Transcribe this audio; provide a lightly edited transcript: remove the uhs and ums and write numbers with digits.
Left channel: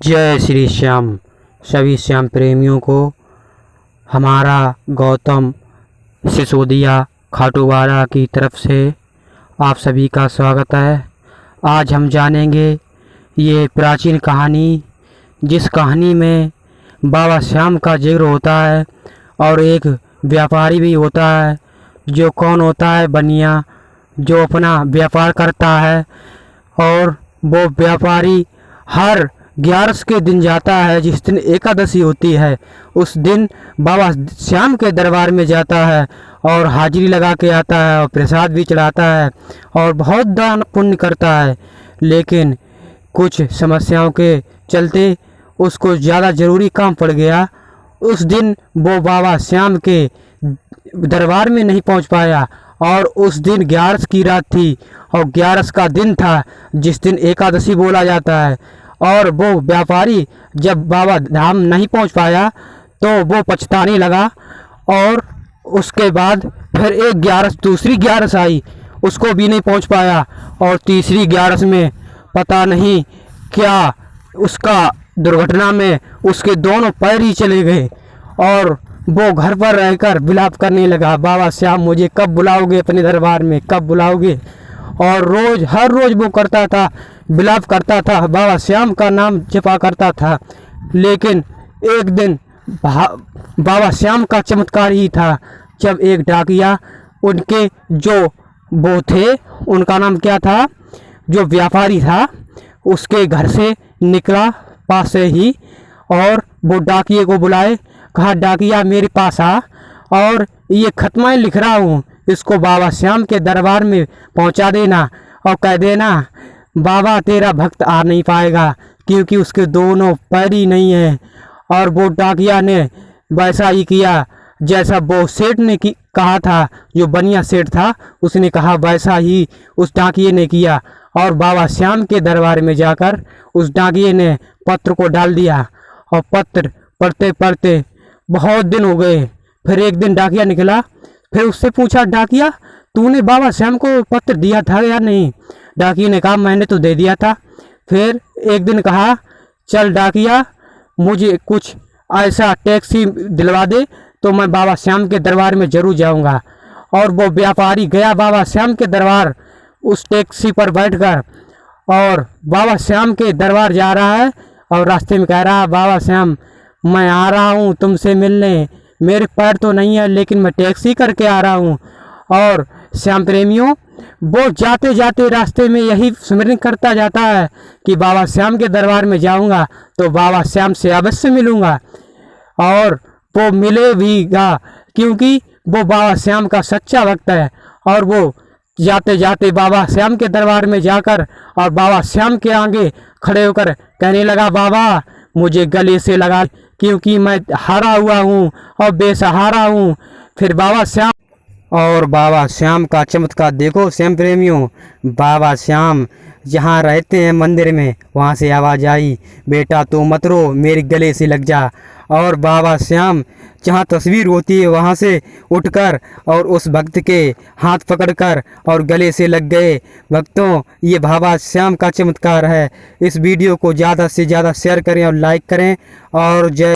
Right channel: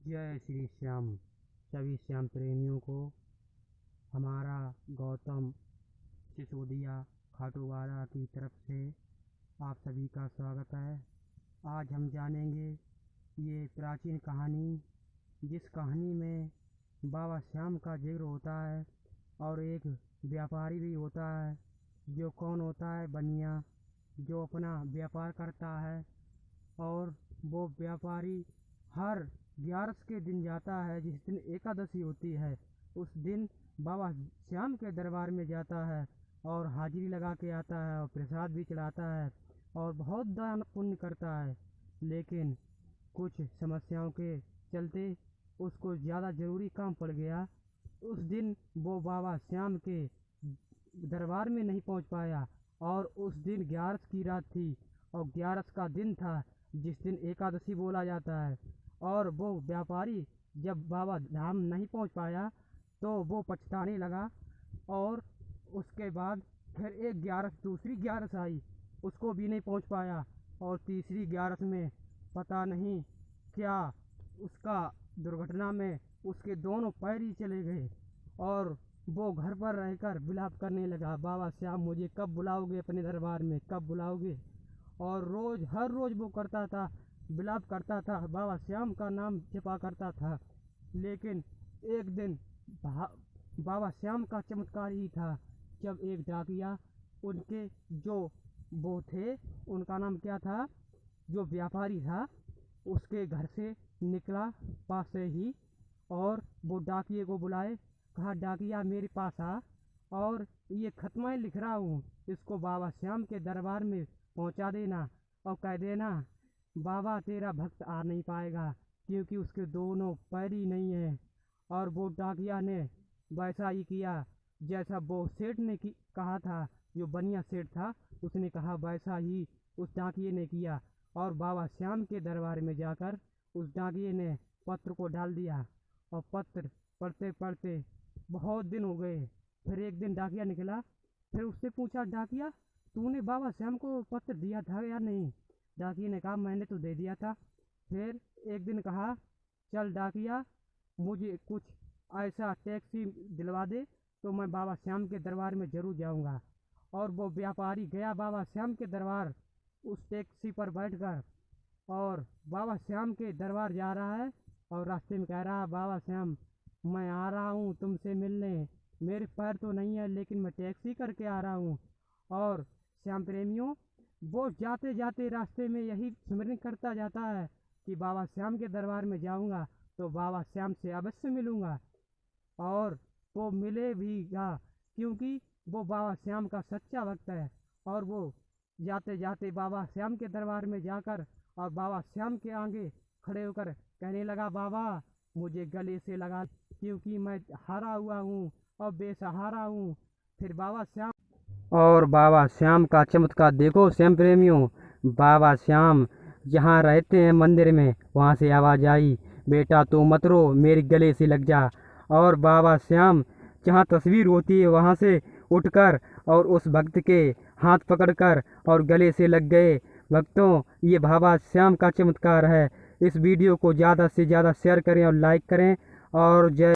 जय श्री श्याम। सभी श्याम प्रेमियों को हमारा गौतम सिसोदिया खाटूवाला की तरफ से आप सभी का स्वागत है। आज हम जानेंगे ये प्राचीन कहानी, जिस कहानी में बाबा श्याम का जिक्र होता है और एक व्यापारी भी होता है। जो कौन होता है? बनिया, जो अपना व्यापार करता है। और वो व्यापारी हर 11 के दिन जाता है, जिस दिन एकादशी होती है। उस दिन बाबा श्याम के दरबार में जाता है और हाजिरी लगा के आता है और प्रसाद भी चढ़ाता है और बहुत दान पुण्य करता है। लेकिन कुछ समस्याओं के चलते उसको ज़्यादा ज़रूरी काम पड़ गया। उस दिन वो बाबा श्याम के दरबार में नहीं पहुंच पाया और उस दिन 11 की रात थी और 11 का दिन था, जिस दिन एकादशी बोला जाता है। और वो व्यापारी जब बाबा धाम नहीं पहुंच पाया तो वो पछताने लगा। और उसके बाद फिर एक 11 दूसरी 11 आई, उसको भी नहीं पहुंच पाया। और तीसरी 11 में पता नहीं क्या उसका दुर्घटना में उसके दोनों पैर ही चले गए और वो घर पर रहकर विलाप करने लगा, बाबा श्याम मुझे कब बुलाओगे अपने दरबार में, कब बुलाओगे। और हर रोज़ वो करता था, विलाप करता था, बाबा श्याम का नाम जपा करता था। लेकिन एक दिन बाबा श्याम का चमत्कार ही था, जब एक डाकिया उनके जो वो थे, उनका नाम क्या था, जो व्यापारी था, उसके घर से निकला पास से ही और वो डाकिए को बुलाए। कहा, डाकिया मेरे पास आ और ये खत मैं लिख रहा हूँ, इसको बाबा श्याम के दरबार में पहुँचा देना और कह देना बाबा तेरा भक्त आ नहीं पाएगा क्योंकि उसके दोनों पैर ही नहीं हैं। और वो डाकिया ने वैसा ही किया जैसा वो सेठ ने कहा था, जो बनिया सेठ था, उसने कहा वैसा ही उस डाकिये ने किया। और बाबा श्याम के दरबार में जाकर उस डाकिये ने पत्र को डाल दिया और पत्र पढ़ते पढ़ते बहुत दिन हो गए। फिर एक दिन डाकिया निकला, फिर उससे पूछा, डाकिया तूने बाबा श्याम को पत्र दिया था या नहीं? डाकिया ने कहा मैंने तो दे दिया था। फिर एक दिन कहा, चल डाकिया मुझे कुछ ऐसा टैक्सी दिलवा दे तो मैं बाबा श्याम के दरबार में ज़रूर जाऊंगा। और वो व्यापारी गया बाबा श्याम के दरबार, उस टैक्सी पर बैठकर, और बाबा श्याम के दरबार जा रहा है और रास्ते में कह रहा है, बाबा श्याम मैं आ रहा हूँ तुमसे मिलने, मेरे पैर तो नहीं है लेकिन मैं टैक्सी करके आ रहा हूँ। और श्याम प्रेमियों, वो जाते जाते रास्ते में यही स्मरण करता जाता है कि बाबा श्याम के दरबार में जाऊंगा तो बाबा श्याम से अवश्य मिलूंगा। और वो मिले भीगा क्योंकि वो बाबा श्याम का सच्चा भक्त है। और वो जाते जाते बाबा श्याम के दरबार में जाकर और बाबा श्याम के आगे खड़े होकर कहने लगा, बाबा मुझे गले से लगा क्योंकि मैं हारा हुआ हूँ और बेसहारा हूँ। फिर बाबा श्याम का चमत्कार देखो श्याम प्रेमियों। बाबा श्याम जहाँ रहते हैं मंदिर में, वहाँ से आवाज़ आई, बेटा तू मत रो, मेरे गले से लग जा। और बाबा श्याम जहाँ तस्वीर होती है वहाँ से उठकर और उस भक्त के हाथ पकड़कर और गले से लग गए। भक्तों, ये बाबा श्याम का चमत्कार है। इस वीडियो को ज़्यादा से ज़्यादा शेयर करें और लाइक करें। और जय